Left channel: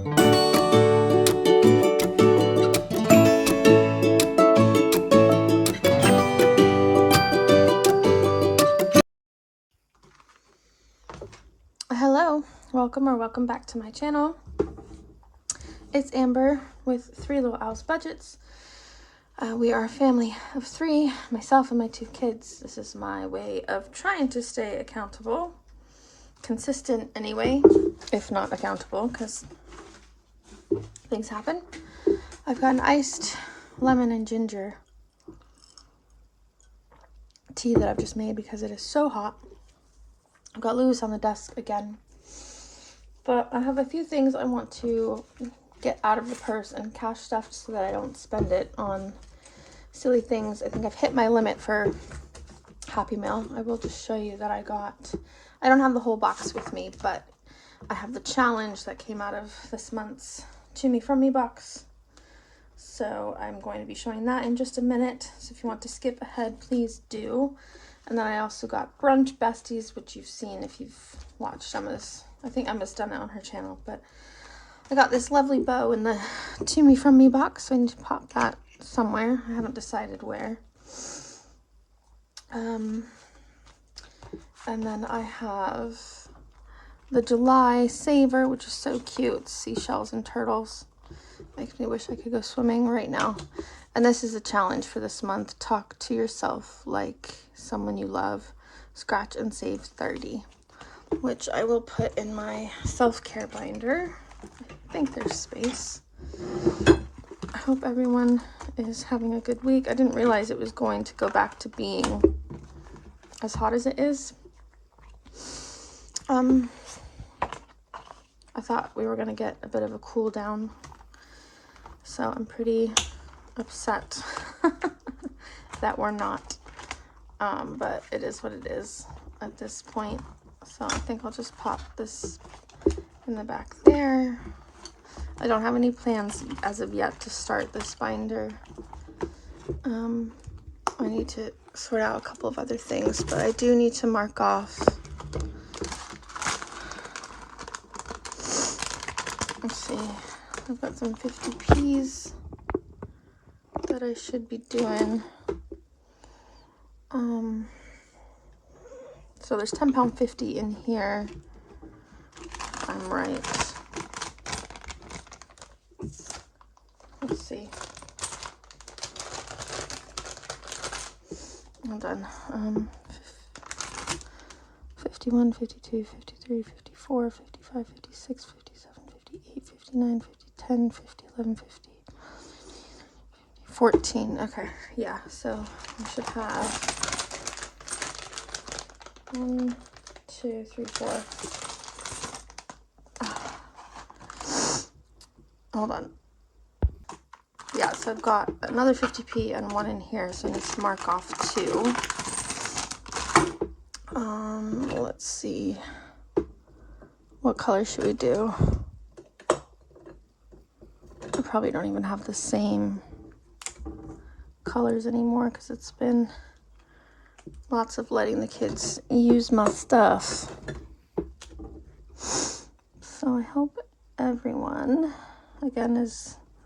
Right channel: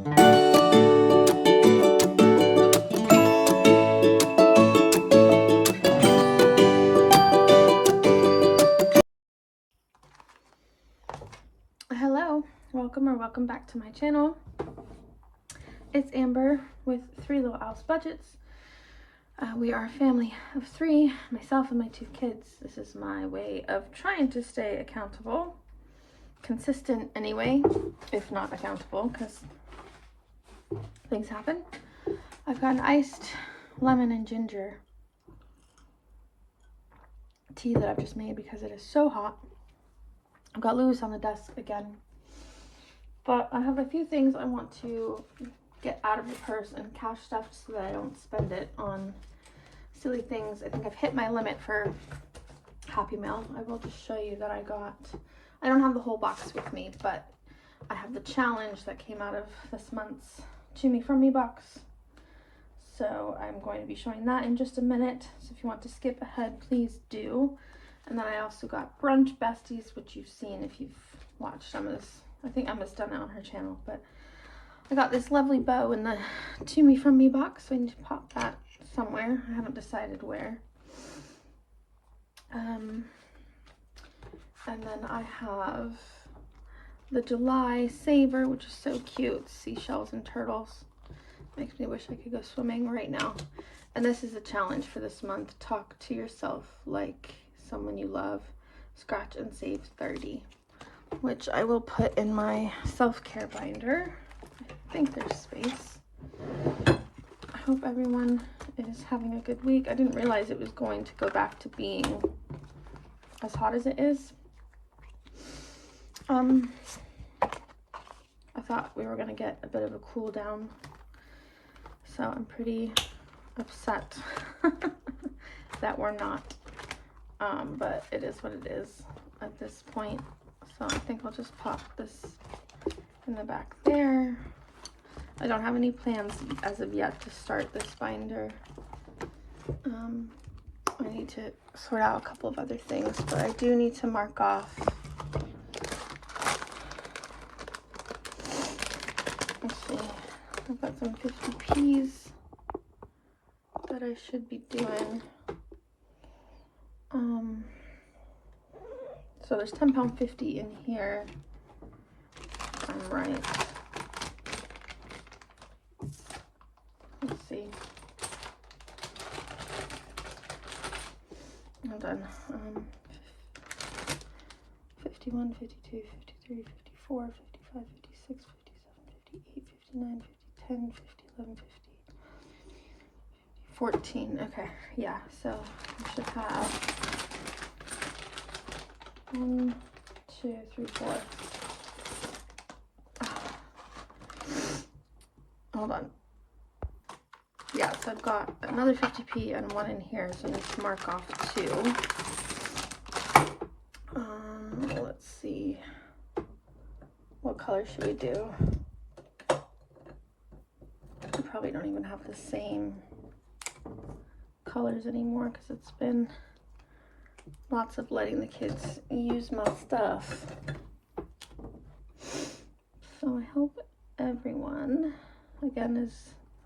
Hello, welcome back to my channel. It's Amber with Three Little Owls Budgets. We are a family of three, myself and my two kids. This is my way of trying to stay accountable, consistent anyway, if not accountable, because things happen. I've got an iced lemon and ginger tea that I've just made because it is so hot. I've got Lewis on the desk again, but I have a few things I want to get out of the purse and cash stuffed so that I don't spend it on silly things. I think I've hit my limit for Happy Meal. I will just show you that I don't have the whole box with me, but I have the challenge that came out of this month's To Me From Me box. So I'm going to be showing that in just a minute. So if you want to skip ahead, please do. And then I also got Brunch Besties, which you've seen if you've watched Emma's. I think Emma's done it on her channel, but I got this lovely bow in the To Me From Me box, so I need to pop that somewhere. I haven't decided where. And then I have the July Saver, which is so cute. It's seashells and turtles. Makes me wish I could go swimming right now. And this is a challenge for this month. Talk to yourself like someone you love. Scratch and save 30, which I will put in my self-care binder. I think there's space. I hope everyone is having a good week. I didn't realize it was going to go back to being as hot as it is. I thought we were going to get a bit of a cool down. So I'm pretty upset that we're not. But it is what it is at this point. So I think I'll just pop this in the back there. I don't have any plans as of yet to start this binder. I need to sort out a couple of other things, but I do need to mark off. Let's see. I've got some 50p's that I should be doing. So there's £10.50 in here, if I'm right. Let's see. Hold on. 51, 52, 53, 54, 55, 56, 57, 58, 59, 50, 10, 50, 11, 50, 14. Okay, yeah, so I should have 1, 2, 3, 4. Hold on. Yeah, so I've got another 50p and one in here, so I need to mark off 2. Let's see. What color should we do? I probably don't even have the same colors anymore because it's been lots of letting the kids use my stuff. So I hope everyone, again,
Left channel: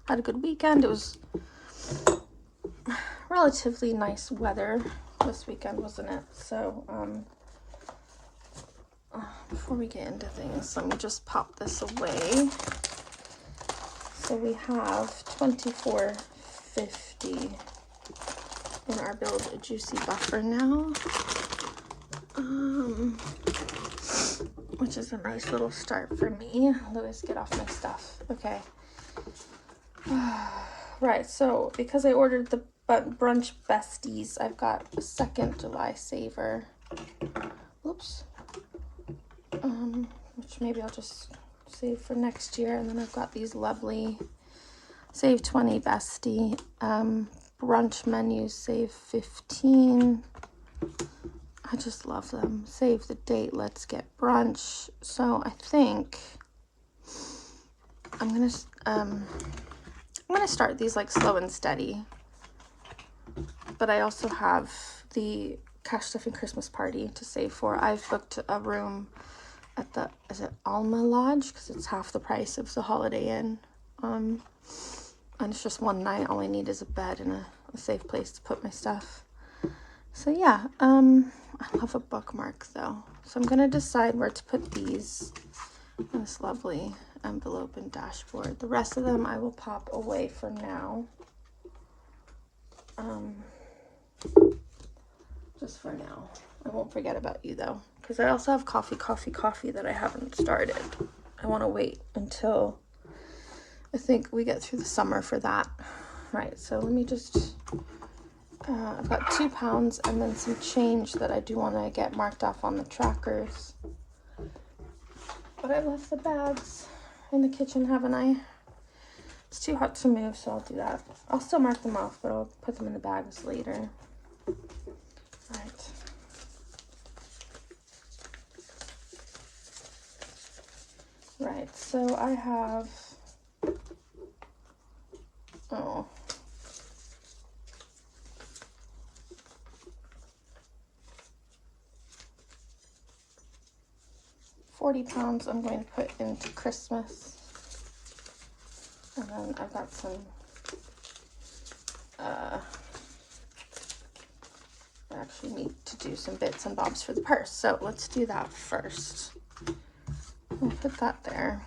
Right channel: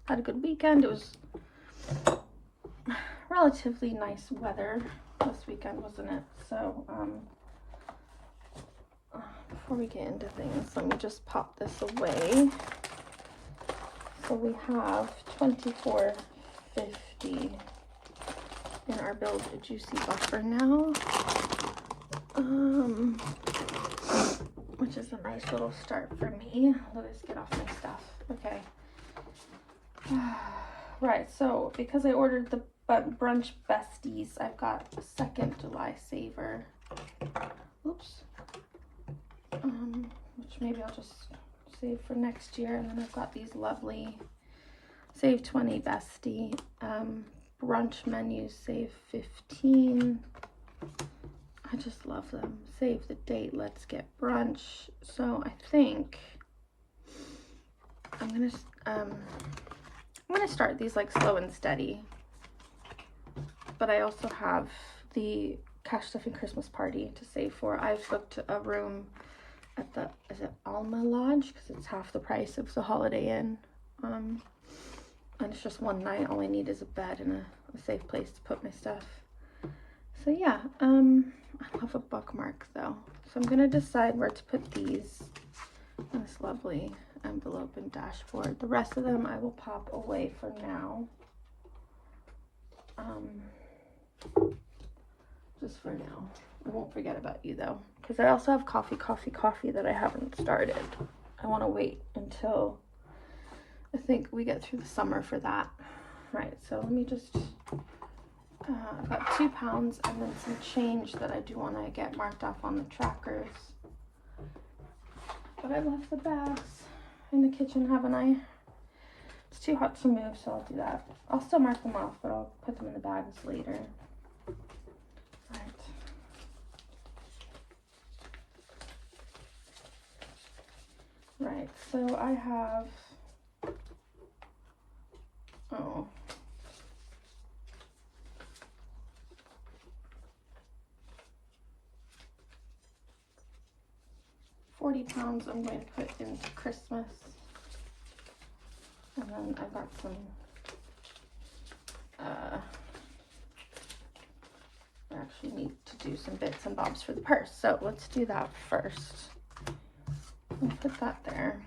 had a good weekend. It was relatively nice weather this weekend, wasn't it? So before we get into things, let me just pop this away. So we have $24.50 in our Build a Juicy Buffer now, which is a nice little start for me. Let's get off my stuff. Okay. Right, so because I ordered the Brunch Besties, I've got a second July Saver. Oops. Which maybe I'll just save for next year. And then I've got these lovely Save 20 Bestie brunch menus, Save 15. I just love them. Save the date, let's get brunch. So I think I'm gonna start these like slow and steady. But I also have the Cash Stuffing Christmas Party to save for. I've booked a room at the, is it Alma Lodge? Because it's half the price of the Holiday Inn. And it's just one night. All I need is a bed and a safe place to put my stuff. So yeah, I love a bookmark though. So I'm gonna decide where to put these in this lovely envelope and dashboard. The rest of them I will pop away for now. Just for now. I won't forget about you though, because I also have coffee that I haven't started. I want to wait until I think we get through the summer for that. Right, so let me just, I've got £2 and then some change that I do want to get marked off on the trackers. But I left the bags in the kitchen, haven't I? It's too hot to move, so I'll do that. I'll still mark them off, but I'll put them in the bags later. Right. Right, so I have, oh, £40 I'm going to put into Christmas. And then I've got some, I actually need to do some bits and bobs for the purse. So let's do that first. I'll put that there.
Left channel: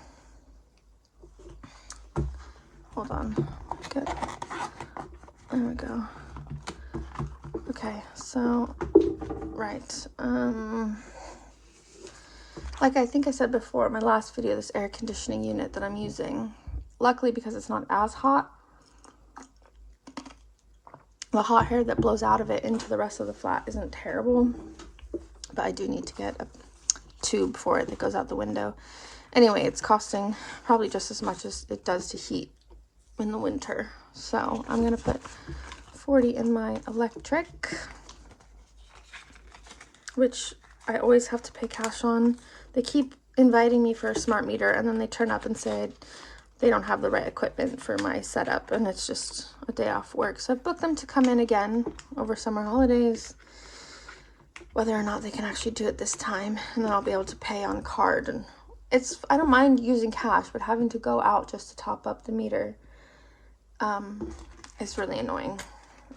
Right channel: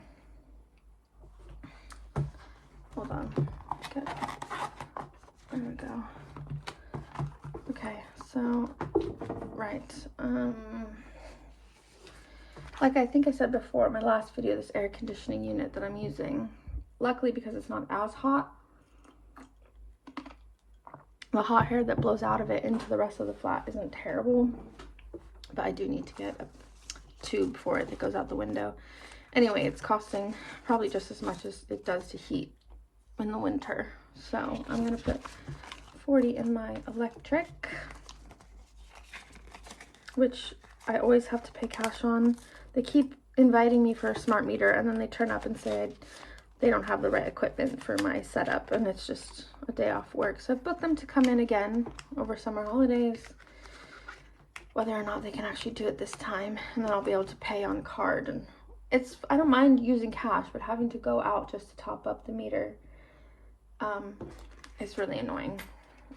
Hold on. Good. There we go. Okay, so, right. Like I think I said before in my last video, this air conditioning unit that I'm using, luckily because it's not as hot, the hot air that blows out of it into the rest of the flat isn't terrible, but I do need to get a tube for it that goes out the window. Anyway, it's costing probably just as much as it does to heat in the winter. So I'm going to put 40 in my electric, which I always have to pay cash on. They keep inviting me for a smart meter and then they turn up and say they don't have the right equipment for my setup and it's just a day off work. So I've booked them to come in again over summer holidays, whether or not they can actually do it this time, and then I'll be able to pay on card. And it's, I don't mind using cash, but having to go out just to top up the meter is really annoying,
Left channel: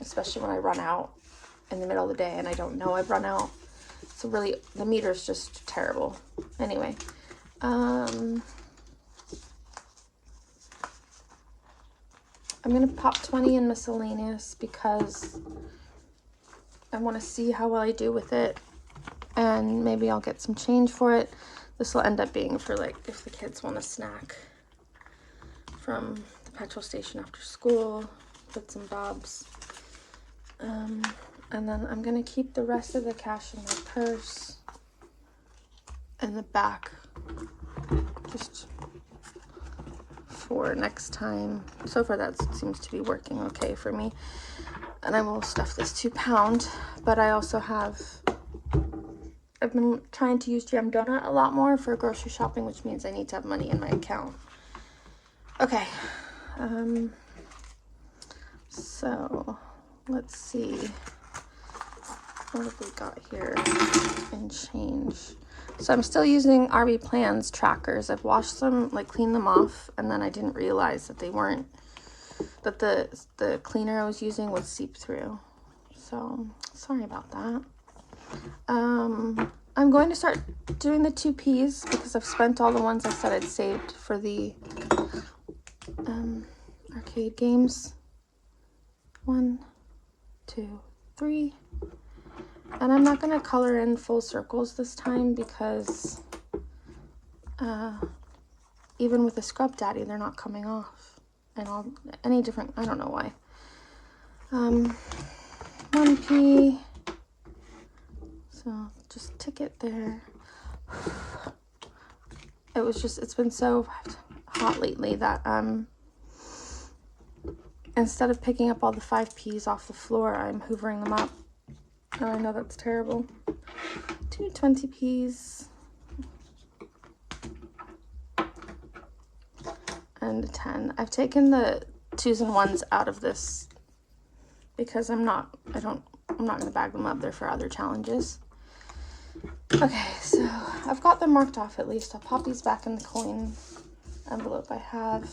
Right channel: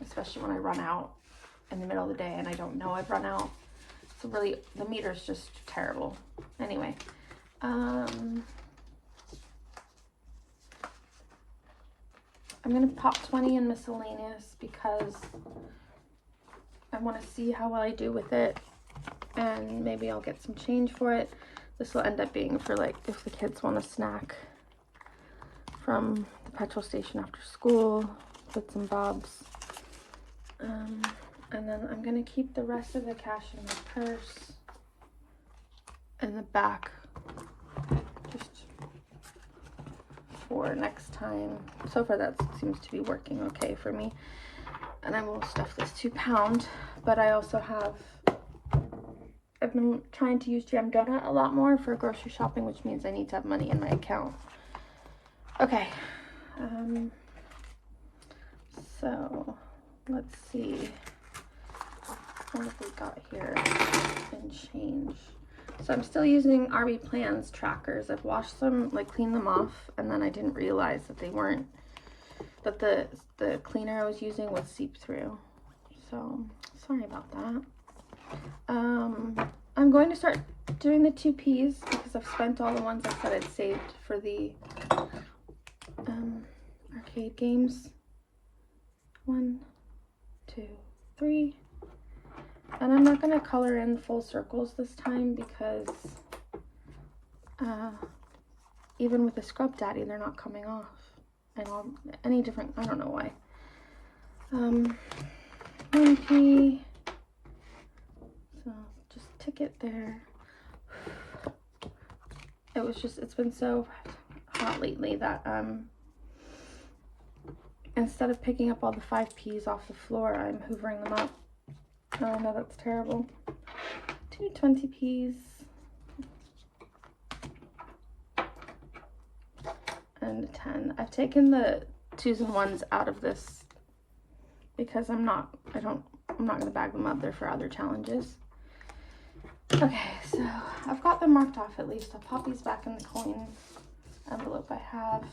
especially when I run out in the middle of the day and I don't know I've run out. So really, the meter's just terrible. Anyway, I'm gonna pop 20 in miscellaneous because I want to see how well I do with it, and maybe I'll get some change for it. This will end up being for like if the kids want a snack from the petrol station after school, bits and bobs. And then I'm gonna keep the rest of the cash in my purse in the back, just for next time. So far that seems to be working okay for me. And I will stuff this £2, but I also have, I've been trying to use GM Donut a lot more for grocery shopping, which means I need to have money in my account. Okay, so let's see, what have we got here in change? So I'm still using RV Plans trackers. I've washed them, like cleaned them off, and then I didn't realize that they weren't, that the cleaner I was using would seep through. So sorry about that. I'm going to start doing the 2Ps because I've spent all the ones I said I'd saved for the arcade games. 1, 2, 3. And I'm not going to color in full circles this time because even with the Scrub Daddy, they're not coming off. And any different, I don't know why. 1P. So just tick it there. It was just, it's been so hot lately that instead of picking up all the 5Ps off the floor, I'm hoovering them up. Oh, I know that's terrible. 2 20Ps. And a 10. I've taken the 2s and 1s out of this because I'm not going to bag them up. They're for other challenges. Okay, so I've got them marked off at least. I'll pop these back in the coin envelope I have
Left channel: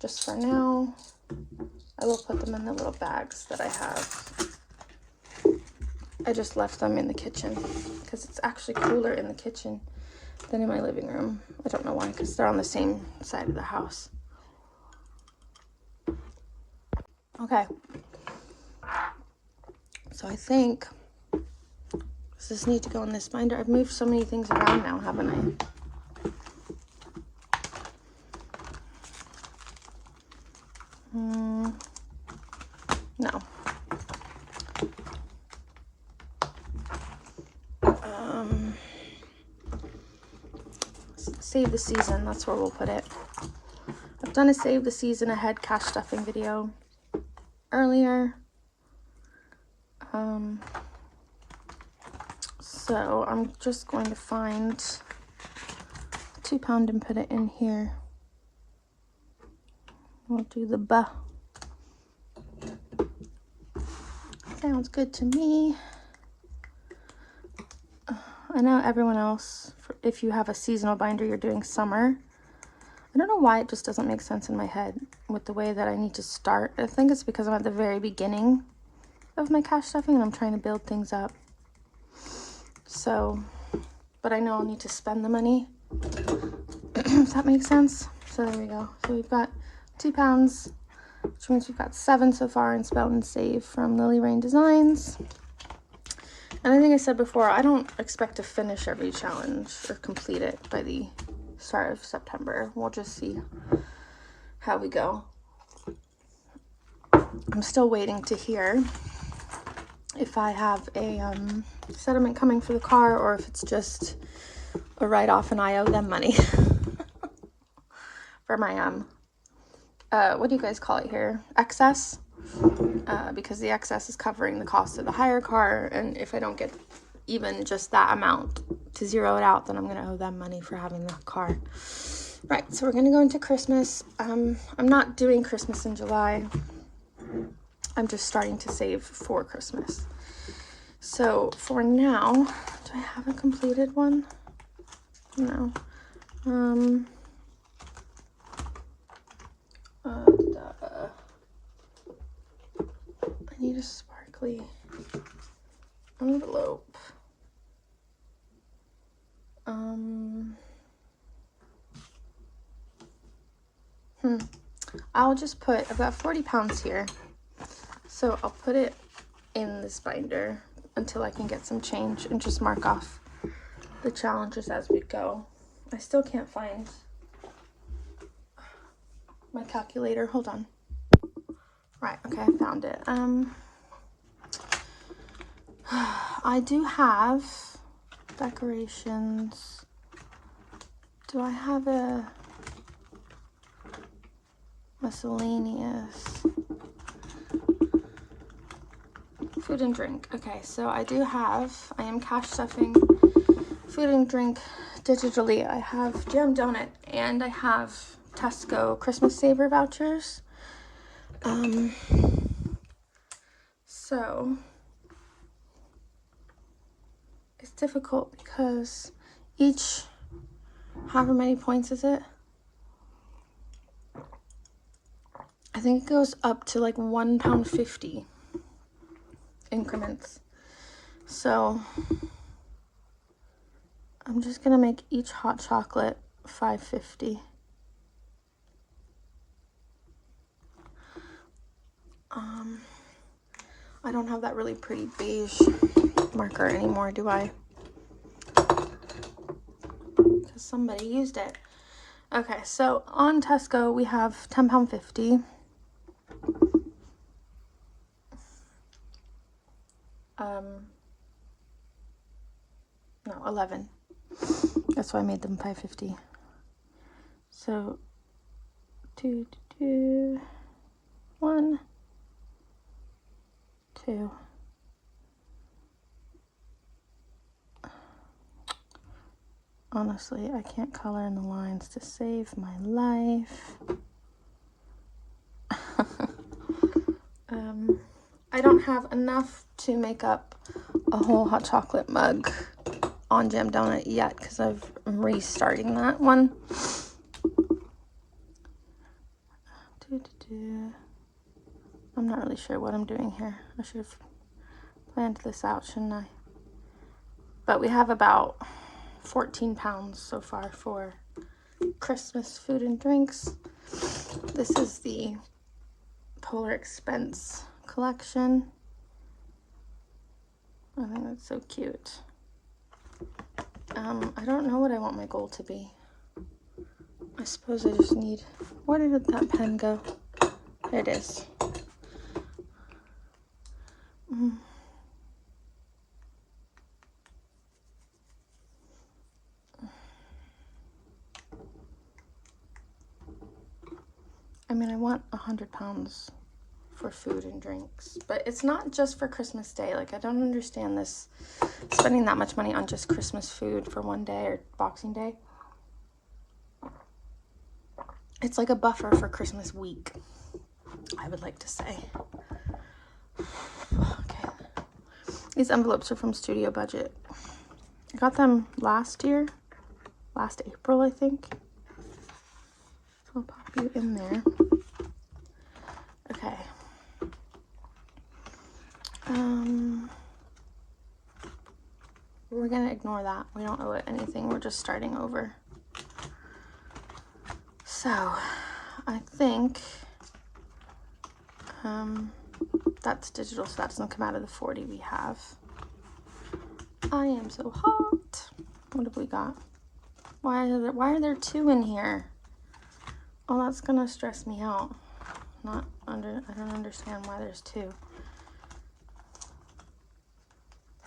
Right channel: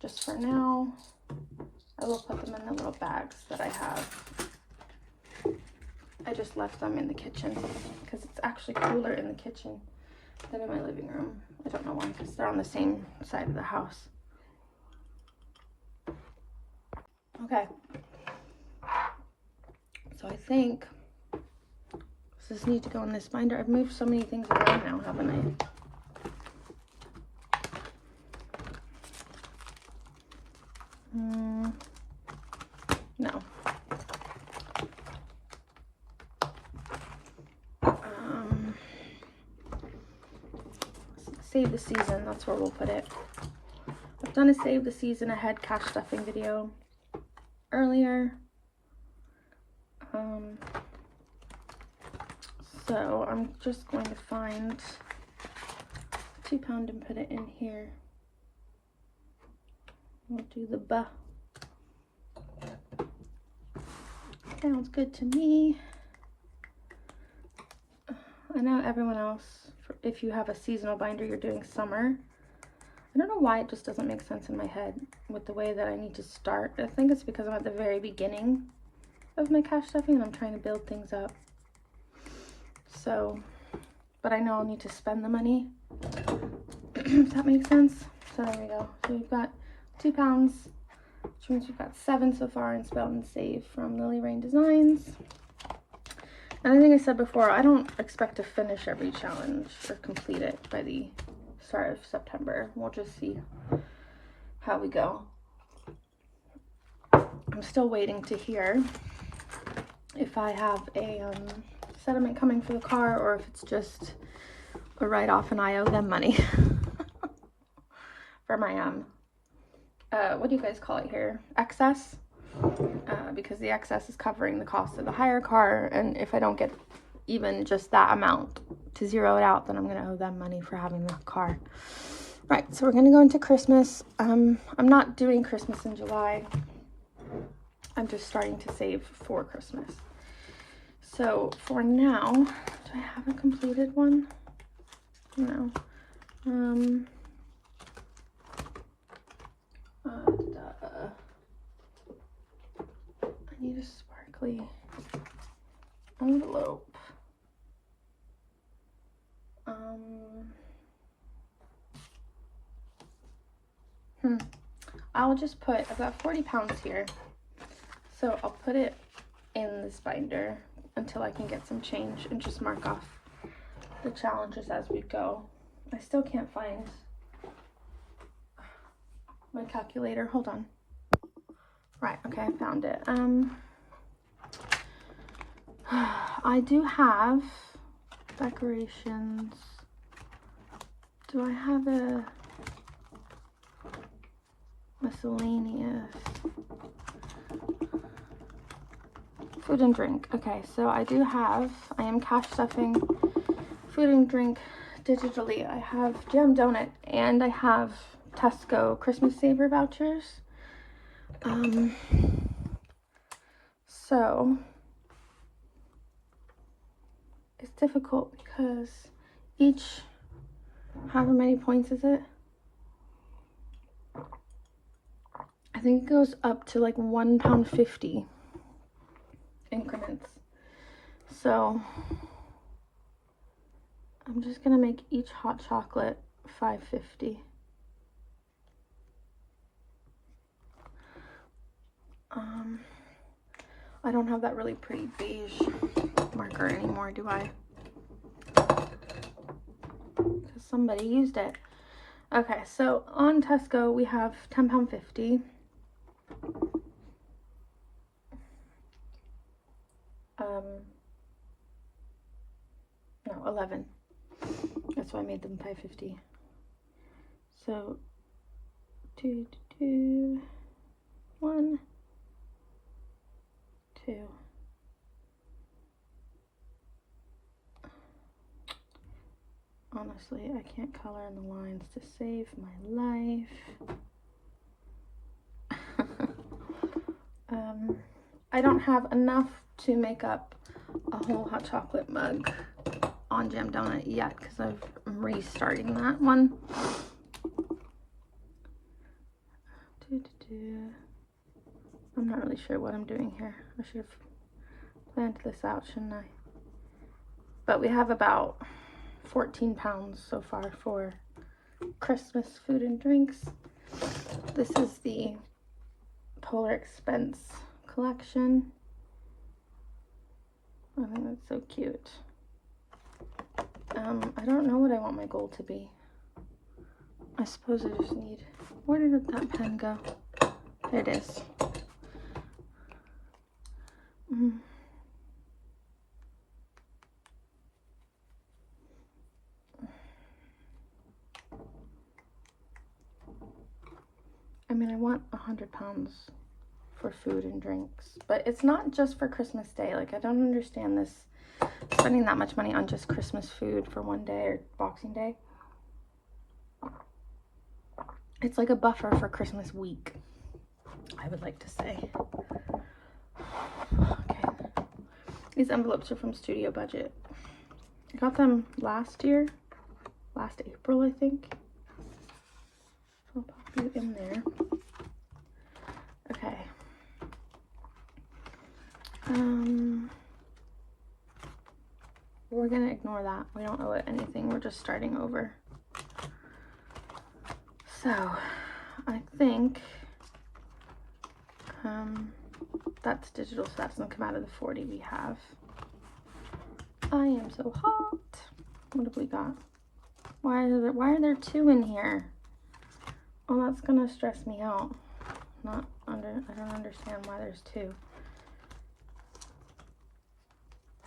just for now. I will put them in the little bags that I have. I just left them in the kitchen because it's actually cooler in the kitchen than in my living room. I don't know why, because they're on the same side of the house. Okay. So I think, does this need to go in this binder? I've moved so many things around now, haven't I? No. Save the season, that's where we'll put it. I've done a save the season ahead cash stuffing video earlier. So I'm just going to find 2 pound and put it in here. We'll do the ba. Sounds good to me. I know everyone else, if you have a seasonal binder, you're doing summer. I don't know why it just doesn't make sense in my head with the way that I need to start. I think it's because I'm at the very beginning of my cash stuffing and I'm trying to build things up. So, but I know I'll need to spend the money. Does that make sense? So there we go. So we've got 2 pounds, which means we've got 7 so far in Spout and Save from Lily Rain Designs. And I think I said before, I don't expect to finish every challenge or complete it by the start of September. We'll just see how we go. I'm still waiting to hear if I have a settlement coming for the car or if it's just a write-off and I owe them money for my what do you guys call it here? Excess. Because the excess is covering the cost of the hire car, and if I don't get even just that amount to zero it out, then I'm going to owe them money for having the car. Right, so we're going to go into Christmas. I'm not doing Christmas in July. I'm just starting to save for Christmas. So for now, do I have a completed one? No. I need a sparkly envelope. I'll just put, I've got 40 pounds here. So I'll put it in this binder until I can get some change and just mark off the challenges as we go. I still can't find my calculator. Hold on. Right, okay, I found it. I do have decorations. Do I have a miscellaneous? Food and drink. Okay, so I do have, I am cash stuffing food and drink digitally. I have Jam Donut and I have Tesco Christmas Saver vouchers. So it's difficult because each, however many points is it? I think it goes up to like £1.50 increments. So I'm just gonna make each hot chocolate $5.50. I don't have that really pretty beige marker anymore, do I? Because somebody used it. Okay, so on Tesco we have £10.50. No, 11. That's why I made them $5.50. So 2, 1, 2. Honestly, I can't color in the lines to save my life. I don't have enough to make up a whole hot chocolate mug On Jam donut yet because I'm restarting that one. I'm not really sure what I'm doing here. I should have planned this out, shouldn't I? But we have about 14 pounds so far for Christmas food and drinks. This is the Polar Expense collection. I think that's so cute. I don't know what I want my goal to be. I suppose I just need... Where did that pen go? Here it is. I mean, I want 100 pounds for food and drinks, but it's not just for Christmas Day. Like, I don't understand this, spending that much money on just Christmas food for one day or Boxing Day. It's like a buffer for Christmas week, I would like to say. Okay. These envelopes are from Studio Budget. I got them last April, I think. So I'll pop you in there. Okay. We're gonna ignore that. We don't owe it anything. We're just starting over. So, I think that's digital, so that doesn't come out of the 40 we have. I am so hot. What have we got? Why are there 2 in here? Oh, that's gonna stress me out. I don't understand why there's 2.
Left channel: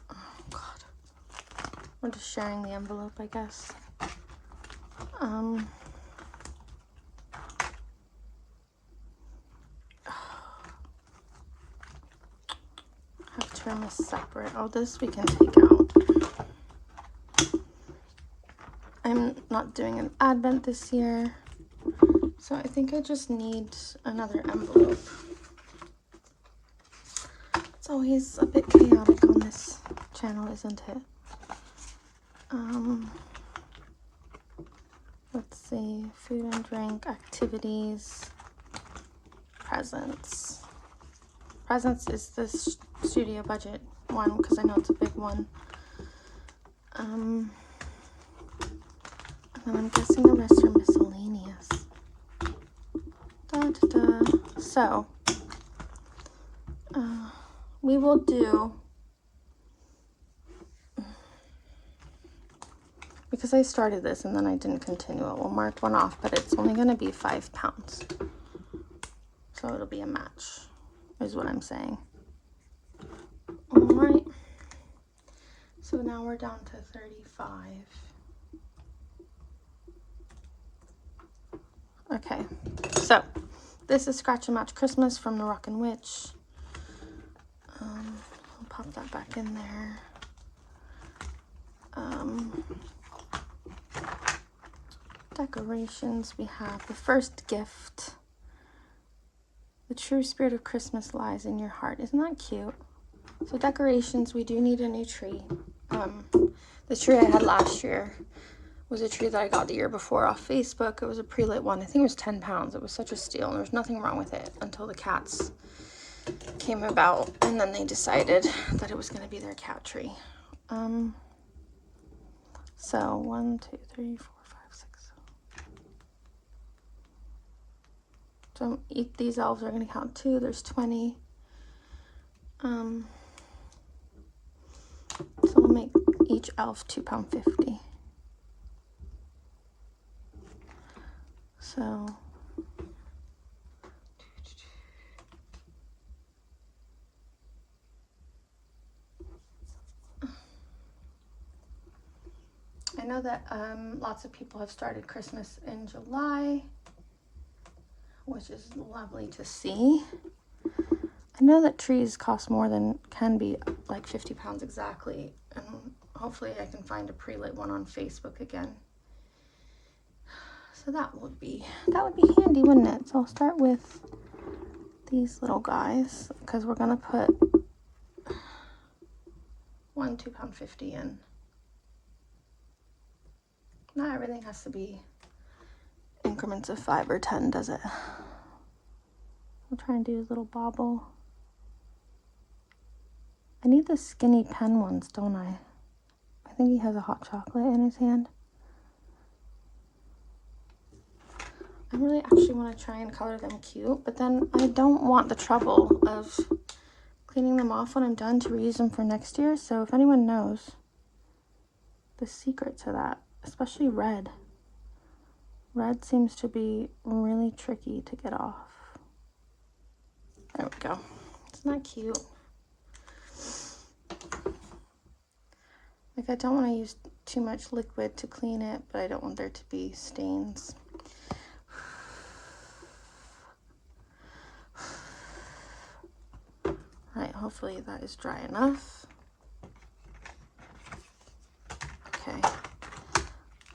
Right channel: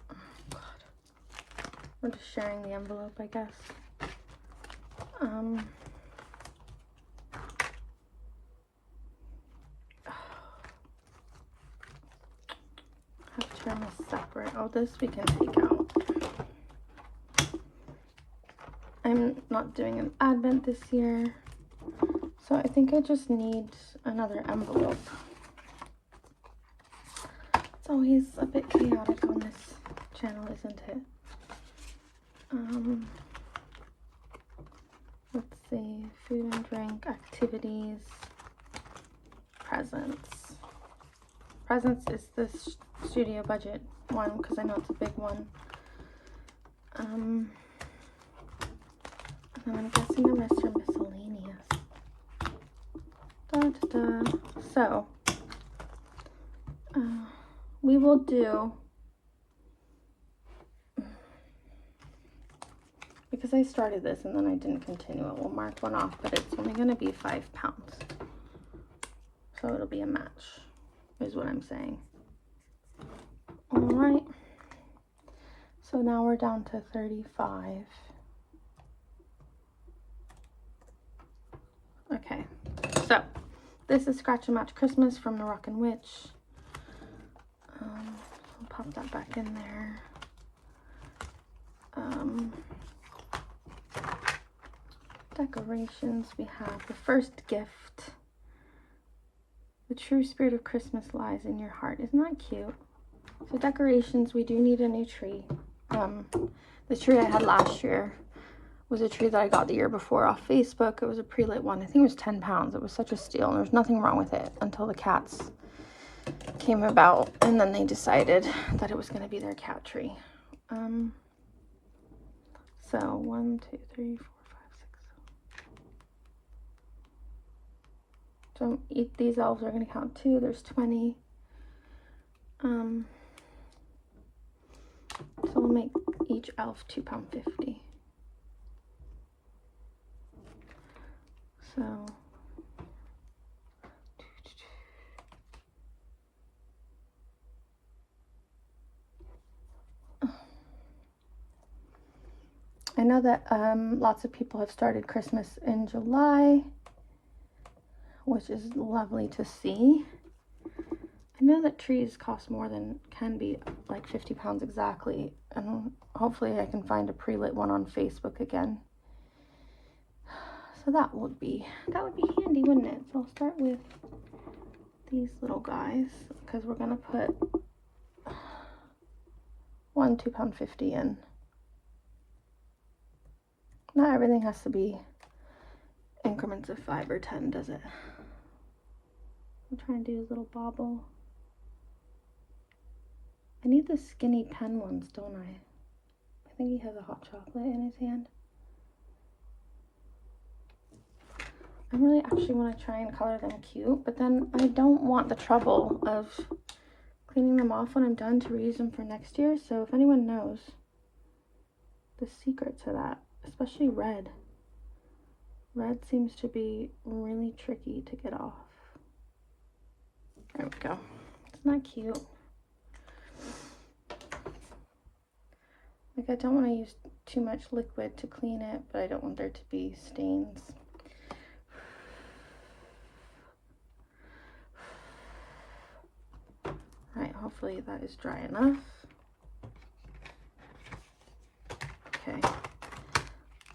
Oh God. We're just sharing the envelope, I guess. Have trim is separate. Oh, this we can take out. I'm not doing an advent this year, so I think I just need another envelope. It's always a bit chaotic on this channel, isn't it? Let's see, food and drink, activities, presents. Presents is this Studio Budget one because I know it's a big one. And then I'm guessing the rest are miscellaneous. So, we will do, because I started this and then I didn't continue it, we'll mark one off, but it's only going to be 5 pounds. So it'll be a match, is what I'm saying. All right. So now we're down to 35. Okay, so this is Scratch and Match Christmas from Moroccan Witch. I'll pop that back in there. Decorations, we have the first gift. The true spirit of Christmas lies in your heart. Isn't that cute? So decorations, we do need a new tree. The tree I had last year was a tree that I got the year before off Facebook. It was a pre-lit one. I think it was 10 pounds. It was such a steal, and there was nothing wrong with it until the cats came about, and then they decided that it was going to be their cat tree. So 1, 2, 3, 4, 5, 6. So these elves are going to count 2. There's 20. So we'll make each elf £2.50. So I know that lots of people have started Christmas in July, which is lovely to see. I know that trees cost more than, can be like 50 pounds exactly, and hopefully I can find a pre-lit one on Facebook again. So that would be handy, wouldn't it? So I'll start with these little guys, because we're gonna put one £2.50 in. Not everything has to be increments of 5 or 10, does it? I'll try and do his little bobble. I need the skinny pen ones, don't I? I think he has a hot chocolate in his hand. I really actually want to try and color them cute, but then I don't want the trouble of cleaning them off when I'm done to reuse them for next year. So if anyone knows the secret to that, especially red. Red seems to be really tricky to get off. There we go. Isn't that cute? Like, I don't want to use too much liquid to clean it, but I don't want there to be stains. Alright, hopefully that is dry enough. Okay.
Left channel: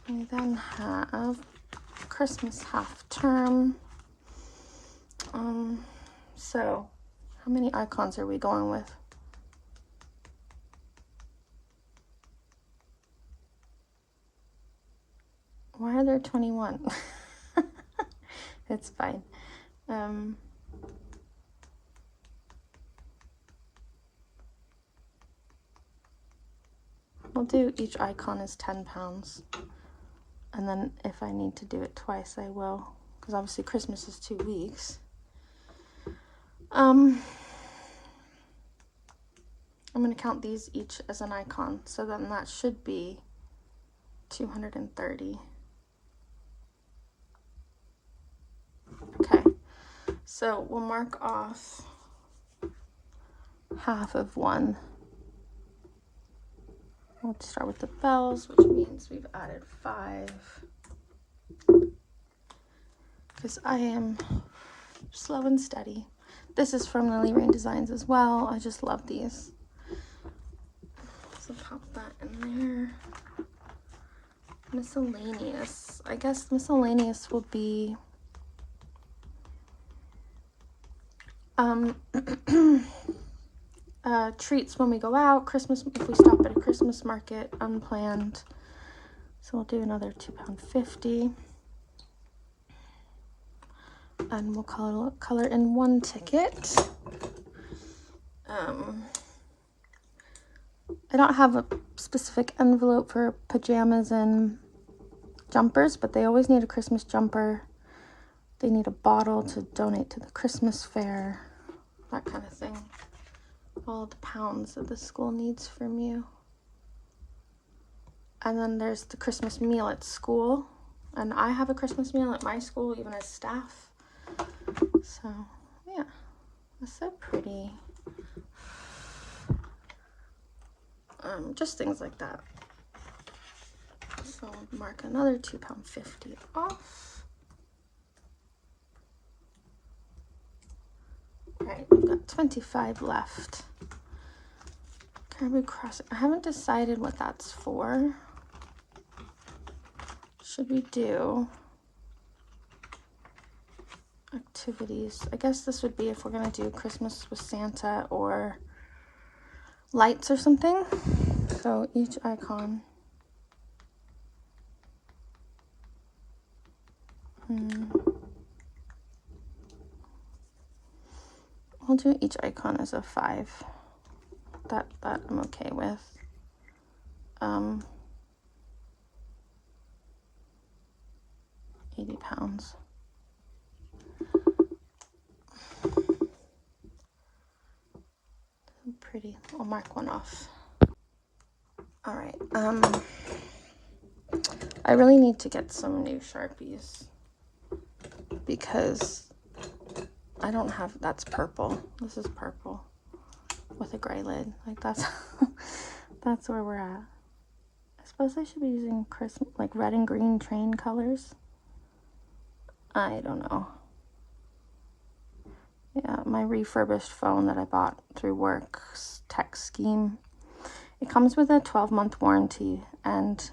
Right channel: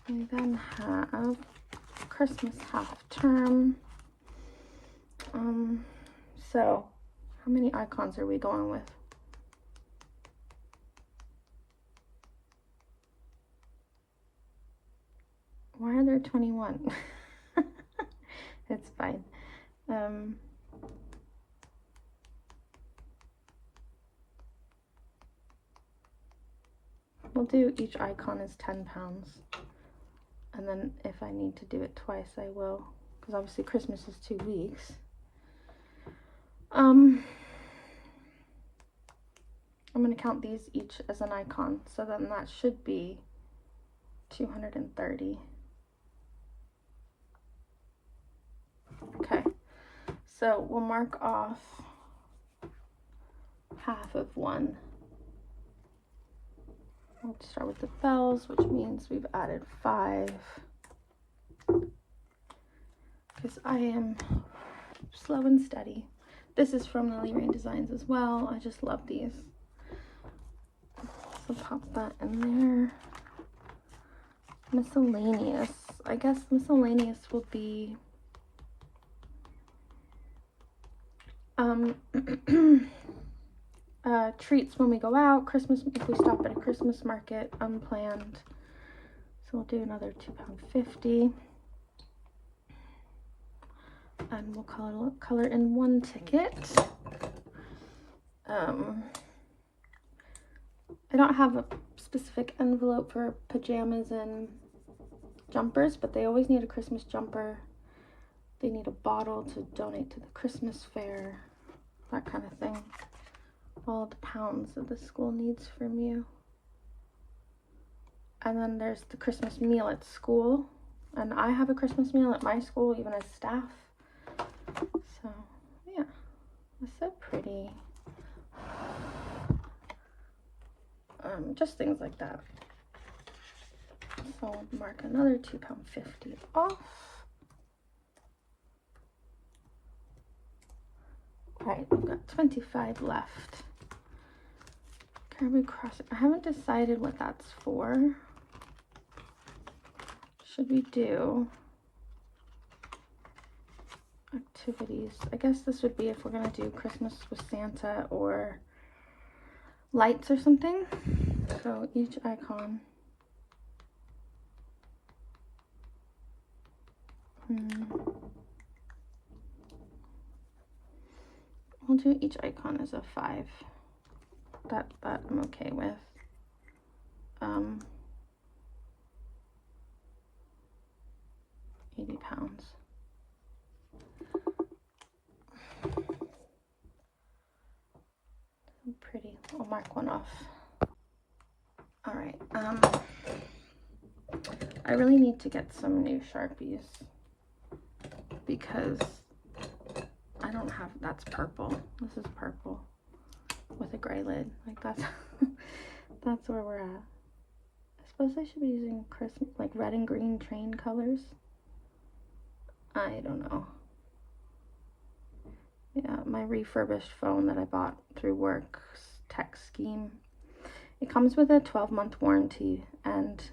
We then have Christmas half term. So how many icons are we going with? Why are there 21? It's fine. We'll do each icon is 10 pounds. And then if I need to do it twice, I will. Because obviously Christmas is 2 weeks. I'm going to count these each as an icon. So then that should be 230. Okay. So we'll mark off half of one. We'll start with the bells, which means we've added 5. Because I am slow and steady. This is from Lily Rain Designs as well. I just love these. So pop that in there. Miscellaneous. I guess miscellaneous will be treats when we go out, Christmas if we stop at a Christmas market unplanned. So we'll do another £2.50. And we'll color in 1 ticket. I don't have a specific envelope for pajamas and jumpers, but they always need a Christmas jumper. They need a bottle to donate to the Christmas fair, that kind of thing. All the pounds that the school needs from you. And then there's the Christmas meal at school. And I have a Christmas meal at my school, even as staff. So, yeah, it's so pretty. Just things like that. So I'll mark another £2.50 off. Right, we've got 25 left. Caribou Crossing. I haven't decided what that's for. Should we do activities? I guess this would be if we're gonna do Christmas with Santa or lights or something. So each icon. I'll do each icon as a 5. That I'm okay with. 80 pounds. Pretty. I'll mark one off. All right. I really need to get some new Sharpies because I don't have, that's purple. This is purple with a gray lid. Like that's where we're at. I suppose I should be using Christmas, like red and green train colors. I don't know. Yeah, my refurbished phone that I bought through work's tech scheme. It comes with a 12-month warranty, and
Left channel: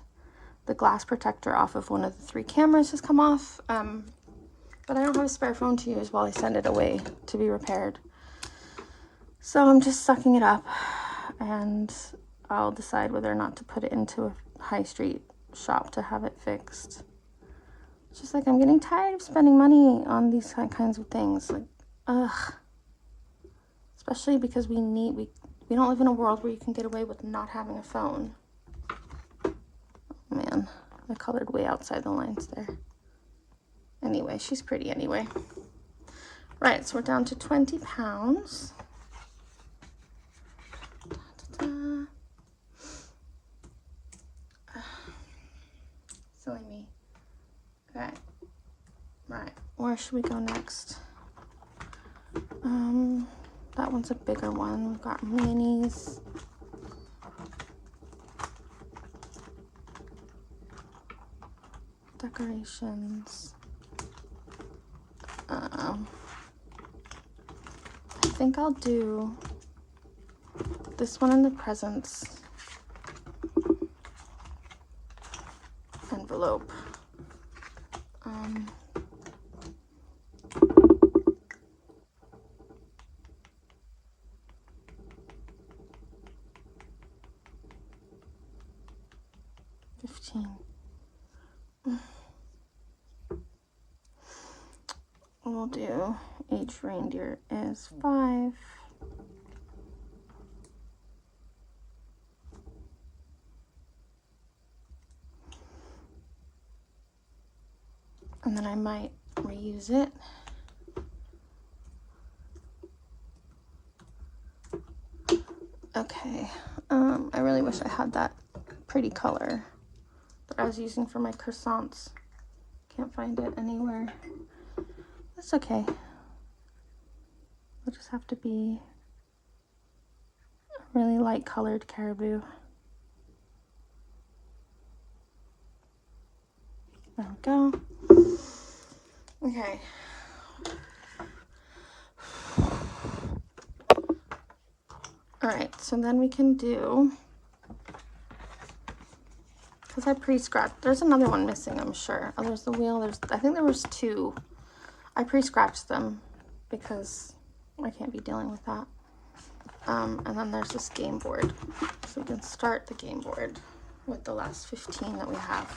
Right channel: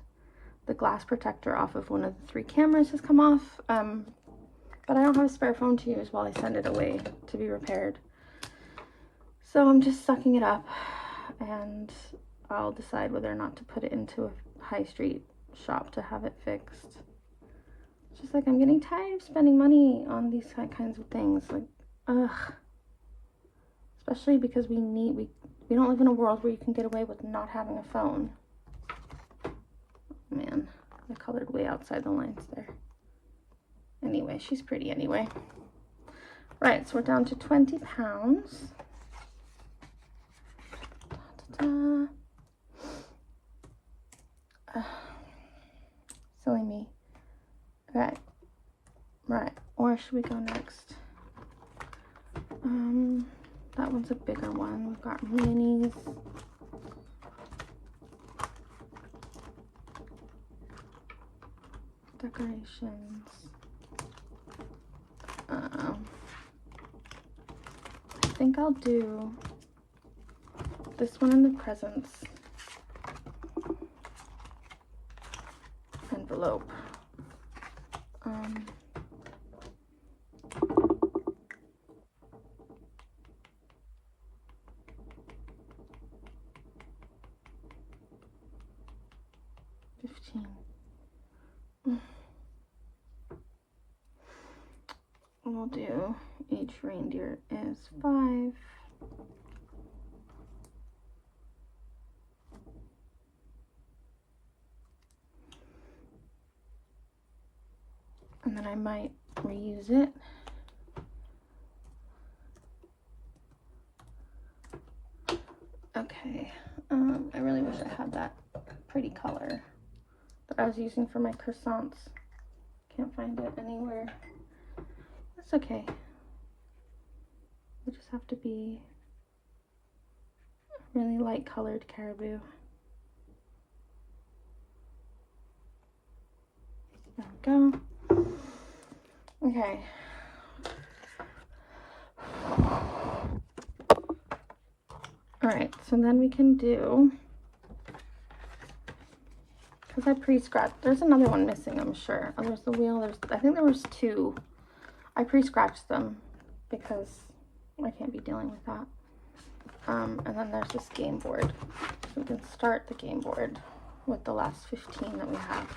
the glass protector off of one of the 3 cameras has come off. But I don't have a spare phone to use while I send it away to be repaired. So I'm just sucking it up, and I'll decide whether or not to put it into a high street shop to have it fixed. It's just like, I'm getting tired of spending money on these kinds of things. Like, ugh. Especially because we don't live in a world where you can get away with not having a phone. Oh, man, I colored way outside the lines there. Anyway, she's pretty anyway. Right, so we're down to 20 pounds. Silly me. Okay. Right, where should we go next? That one's a bigger one. We've got minis. Decorations. I think I'll do this one in the presents envelope. We'll do each reindeer is 5. And then I might reuse it. Okay, I really wish I had that pretty color that I was using for my croissants. Can't find it anywhere. That's okay. It'll just have to be a really light colored caribou. There we go. Okay. All right, so then we can do, because I pre-scratched, there's another one missing, I'm sure. Oh, there's the wheel, I think there was 2. I pre-scratched them because I can't be dealing with that. And then there's this game board. So we can start the game board with the last 15 that we have.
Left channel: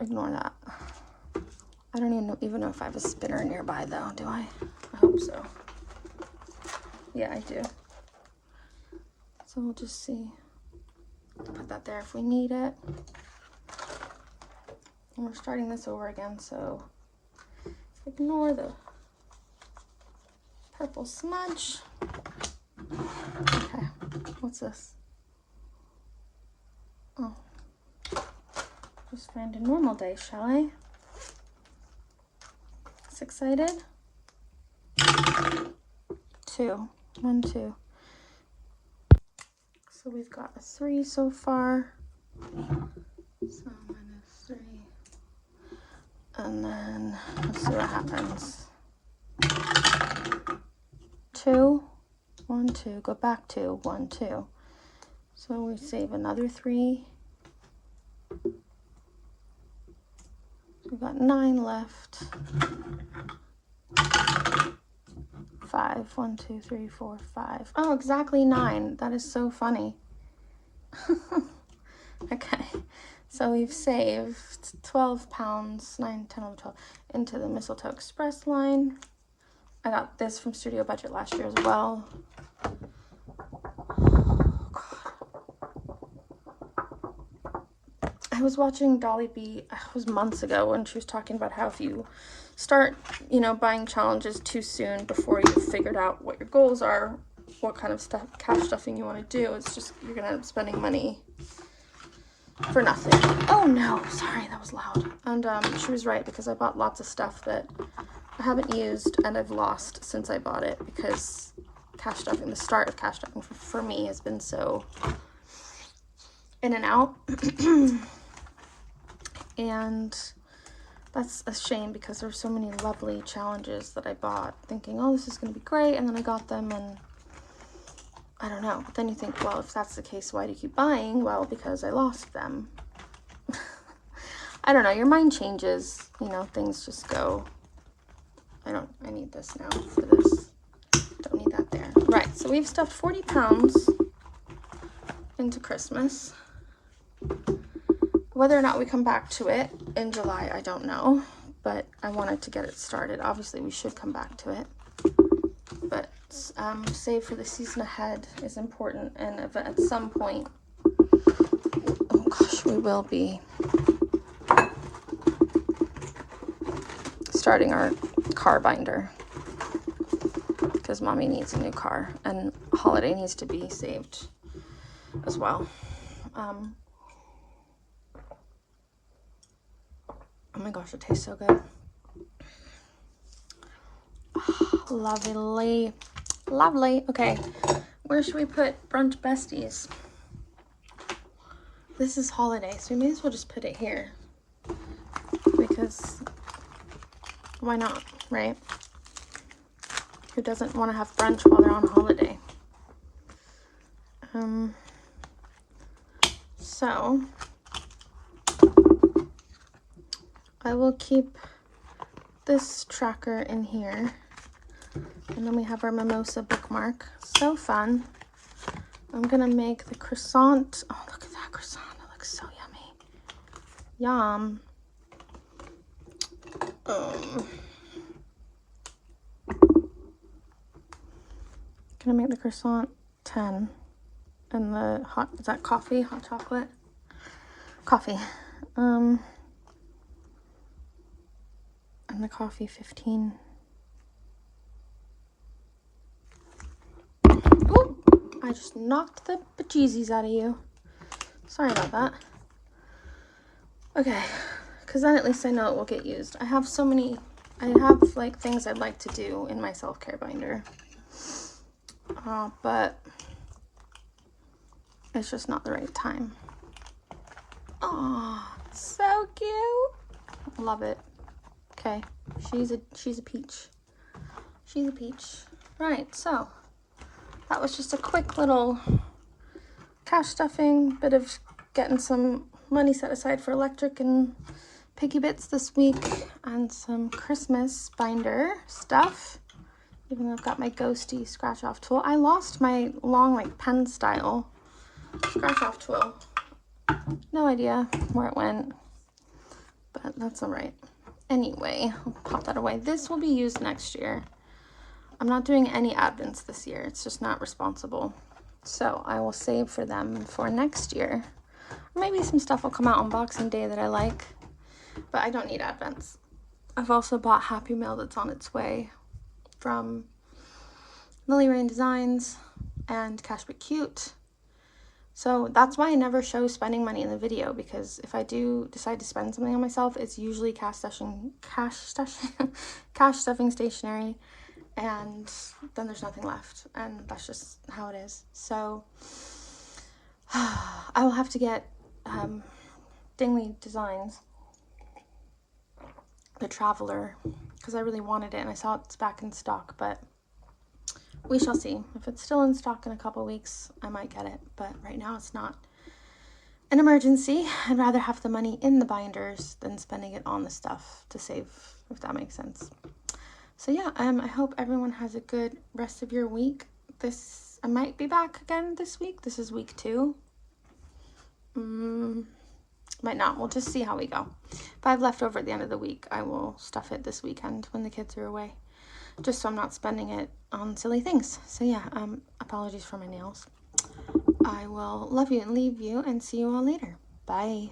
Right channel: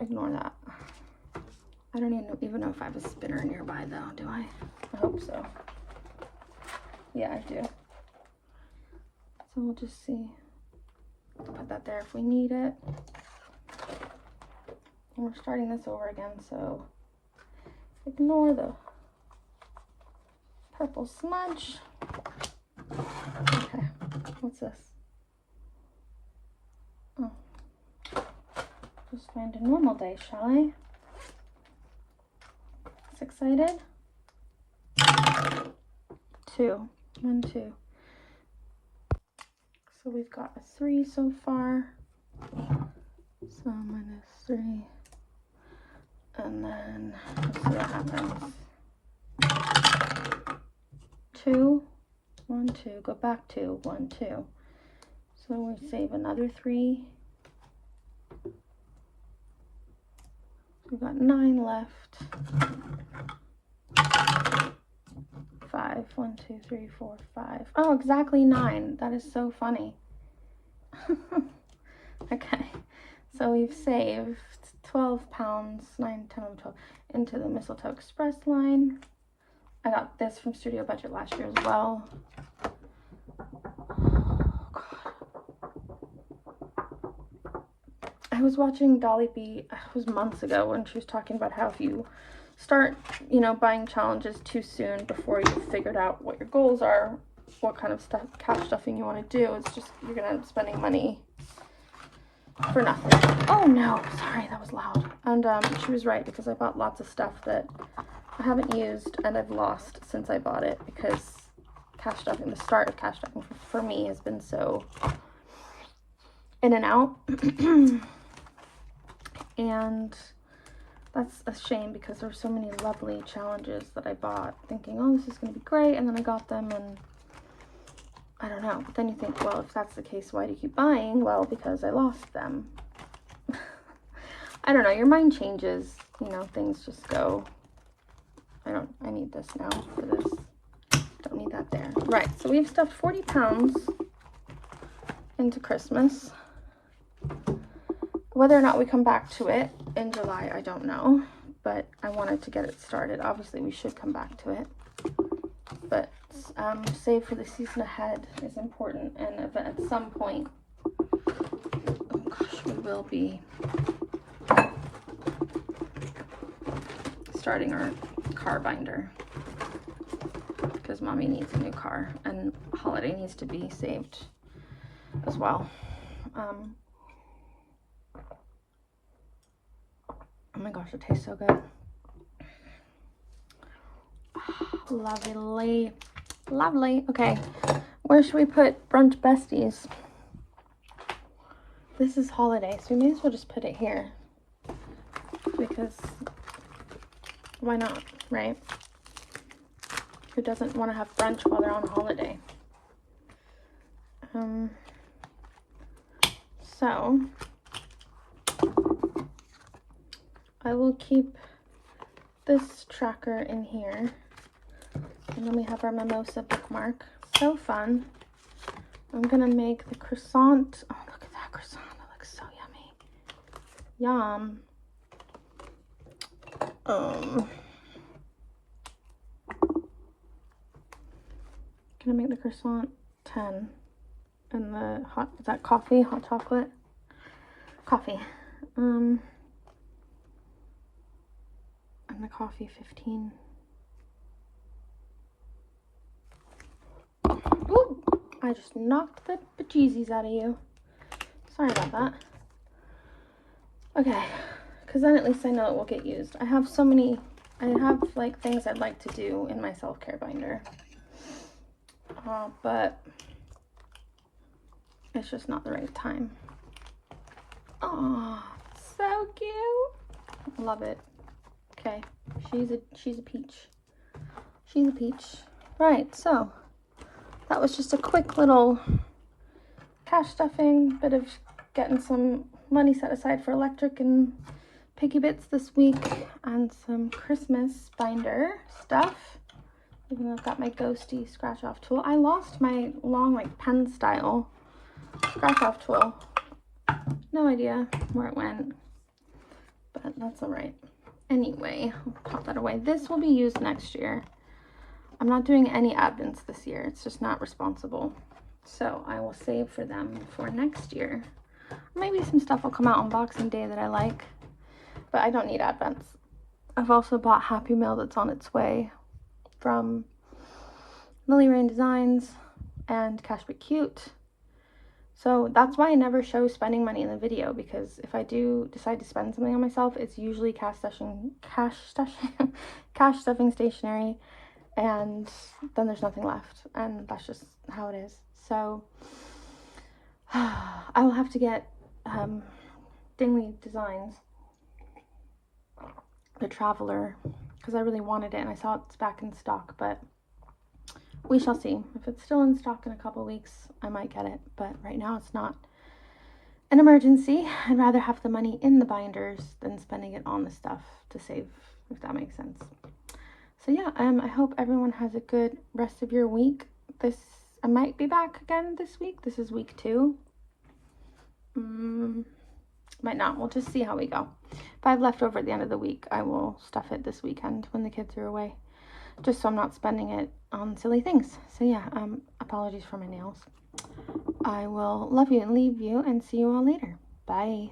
Ignore that. I don't even know if I have a spinner nearby though, do I? I hope so. Yeah, I do. So we'll just see. Put that there if we need it. And we're starting this over again, so ignore the purple smudge. Okay, what's this? Oh, just find a normal day, shall I? It's excited. 2, 1, 2. So we've got a 3 so far. So -3. And then let's see what happens. 2, 1, 2, go back to 1, 2. So we save another 3. We've got 9 left. 5, 1, 2, 3, 4, 5. Oh, exactly 9. That is so funny. Okay. So we've saved 12 pounds, 9, 10, 11, 12, into the Mistletoe Express line. I got this from Studio Budget last year as well. Oh, God. I was watching Dolly B, it was months ago, when she was talking about how if you start, buying challenges too soon before you've figured out what your goals are, what kind of cash stuffing you want to do, it's just, you're going to end up spending money for nothing. Oh no, sorry, that was loud. And she was right, because I bought lots of stuff that I haven't used and I've lost since I bought it, because cash stuffing, the start of cash stuffing for me has been so in and out. And that's a shame, because there were so many lovely challenges that I bought thinking, oh, this is going to be great, and then I got them and I don't know. But then you think, well, if that's the case, why do you keep buying? Well, because I lost them. I don't know, your mind changes, things just go. I need this now for this. Don't need that there. Right, so we've stuffed 40 pounds into Christmas. Whether or not we come back to it in July, I don't know, but I wanted to get it started. Obviously, we should come back to it, but save for the season ahead is important, and if at some point, oh gosh, we will be starting our car binder because Mommy needs a new car, and holiday needs to be saved as well. Oh my gosh, it tastes so good. Lovely. Lovely. Okay, where should we put Brunch Besties? This is holiday, so we may as well just put it here. Because why not, right? Who doesn't want to have brunch while they're on holiday? So I will keep this tracker in here, and then we have our mimosa bookmark. So fun. I'm gonna make the croissant. Oh, look at that croissant, it looks so yummy. Yum. Gonna make the croissant 10, and the hot, is that coffee, hot chocolate? Coffee. And the coffee 15. Ooh, I just knocked the bejesus out of you. Sorry about that. Okay, because then at least I know it will get used. I have so many, I have like things I'd like to do in my self-care binder. But it's just not the right time. Oh, so cute. Love it. Okay, she's a peach. She's a peach. Right, so that was just a quick little cash stuffing, bit of getting some money set aside for electric and piggy bits this week, and some Christmas binder stuff. Even though I've got my ghosty scratch off tool. I lost my long, like, pen style scratch off tool. No idea where it went, but that's all right. Anyway, I'll pop that away. This will be used next year. I'm not doing any Advents this year. It's just not responsible. So I will save for them for next year. Maybe some stuff will come out on Boxing Day that I like, but I don't need Advents. I've also bought Happy Mail that's on its way from Lily Rain Designs and Cash But Cute. So that's why I never show spending money in the video, because if I do decide to spend something on myself, it's usually cash stuffing stationery, and then there's nothing left, and that's just how it is. So I will have to get Dingley Designs, the Traveler, because I really wanted it and I saw it's back in stock, but we shall see. If it's still in stock in a couple weeks, I might get it, but right now it's not an emergency. I'd rather have the money in the binders than spending it on the stuff to save, if that makes sense. So yeah, I hope everyone has a good rest of your week. I might be back again this week. This is week 2. Might not. We'll just see how we go. If I have leftover at the end of the week, I will stuff it this weekend when the kids are away, just so I'm not spending it on silly things. So yeah, apologies for my nails. I will love you and leave you and see you all later. Bye.